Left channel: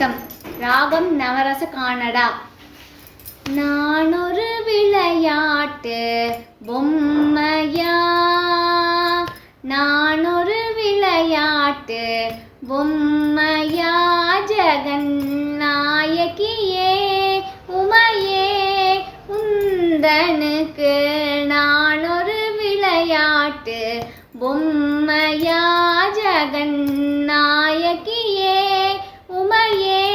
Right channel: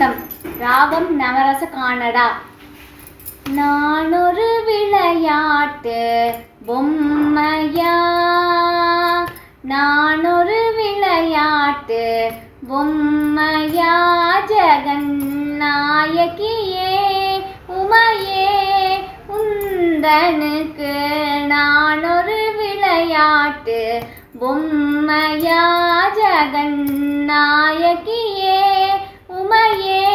வணக்கம். ராகம் நவரச கானடா. நான் ஒரு விளையாட்டு பொம்மையா, நான் ஒரு விளையாட்டு பொம்மையா, ஜெகன் நாயகியே உமையே உந்தனுக்கு நான் ஒரு விளையாட்டு பொம்மையா, ஜெகன் நாயகியே உமையே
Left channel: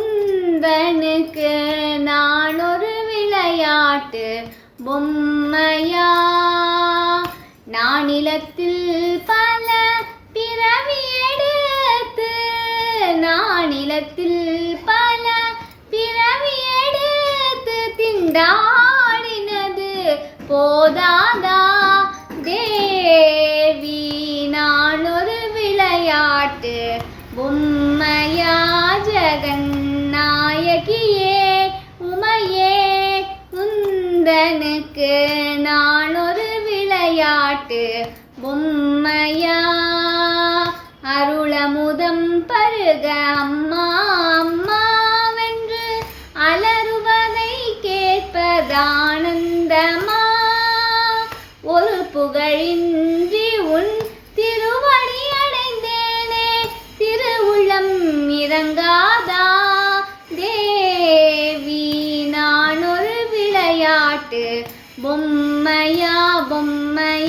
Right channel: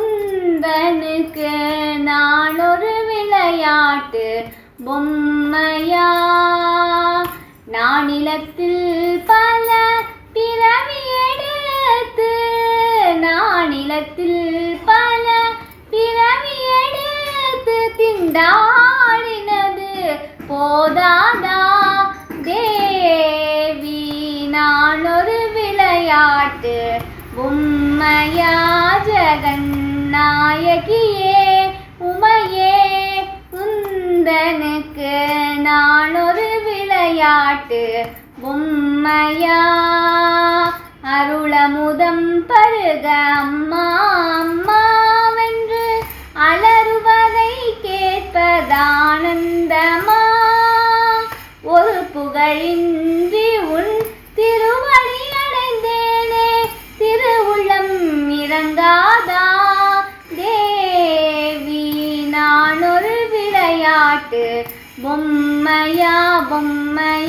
உந்தனுக்கு நான் ஒரு விளையாட்டு பொம்மையா. நானிலத்தில் பல பிறவி எடுத்து, நானிலத்தில் பல பிறவி எடுத்து திண்டாடினது போதாதா தேவி, நான் ஒரு விளையாட்டு பொம்மையா, ஜெகன் நாயகியே உமையே உந்தனுக்கு நான் ஒரு விளையாட்டு பொம்மையா. அருளமுதம் பருக அம்மா அம்மாவென்று அலறுவதை கேட்பதானந்தமா, ஒரு புகழின்றி உன் திருவடி அடைந்தேனே, திருவுள்ளம் இறங்காதா தேவி, நான் ஒரு விளையாட்டு பொம்மையா பொம்மை